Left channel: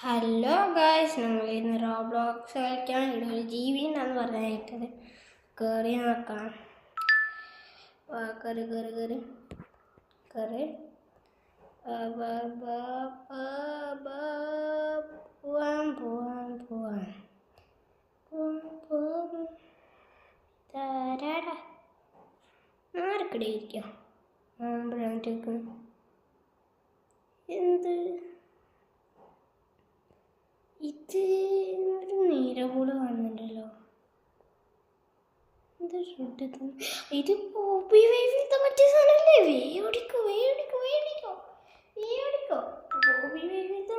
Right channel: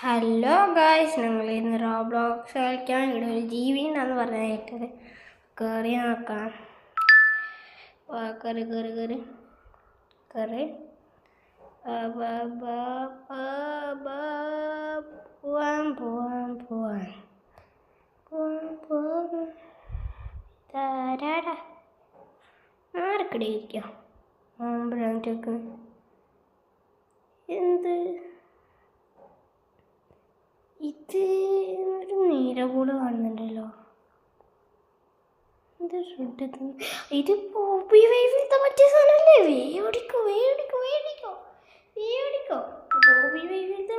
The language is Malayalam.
ഹലോ ഗായ്സ്, ഞങ്ങൾ ഇന്ന് റോബ്ലോക്സ് കളിക്കാൻ ഇവിടെ ഒരു ജീവി ഉണ്ടെന്ന് പറഞ്ഞാൽ കേട്ടത്. കയറി നോക്കാം. കയറി കയറി കയറി കയറി പോവാൻ പോവാൻ പോവാൻ പോവാൻ പോവാൻ താരാടാ ആർക്കിടെ ഇരിക്കാം. ആമ്പഴാറ്റൊക്കെ എന്ത് ഇത് ഒരു നീല കൂടെ കാണുന്നുണ്ടല്ലോ. ഇത് ഇത് പോപ്പി വൈവിലത്തെ മറ്റേ സാധനമല്ലേ? വേടിക്കോ വേടിക്കോ വേടിക്കോ വേടിക്കോ. പോപ്പി വൈവിലത്തെ